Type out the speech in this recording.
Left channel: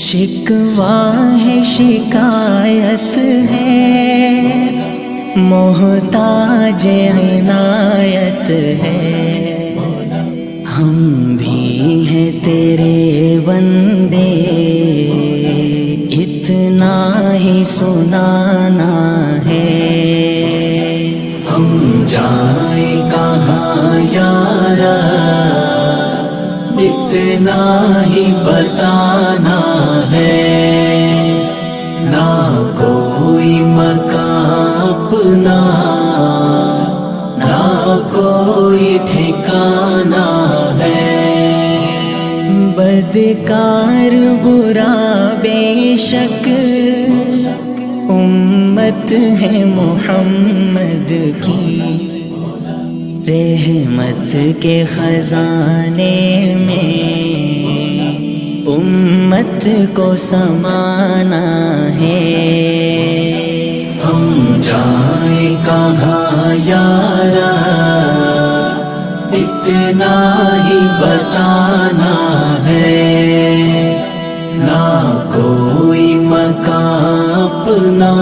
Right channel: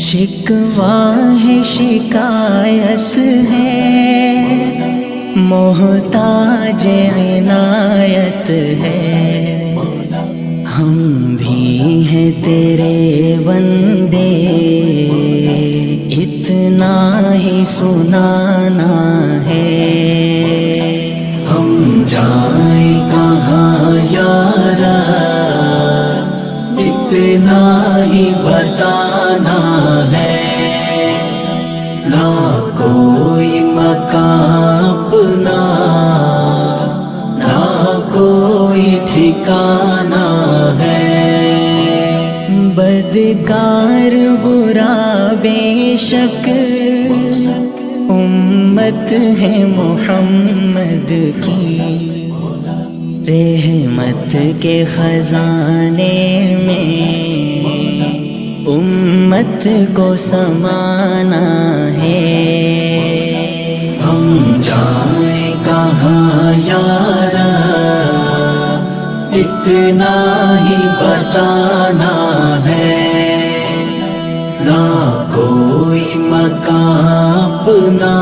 شکوہ ہے شکایت ہے، محتاج عنایت ہے، ہم بھی ہیں تیرے بندے، اتنا ہی سنانا ہے۔ ہم جائیں کہاں یار، اتنا ہی بتانا ہے، نہ کوئی مکان اپنا، نہ کوئی ٹھکانا ہے۔ بدکار برا بے شک امت ہے محمد کی، رحمت کے خزانے میں امت کو سمانا ہے۔ ہم جائیں کہاں یارا، اتنا ہی بتانا ہے، نہ کوئی مکان اپنا،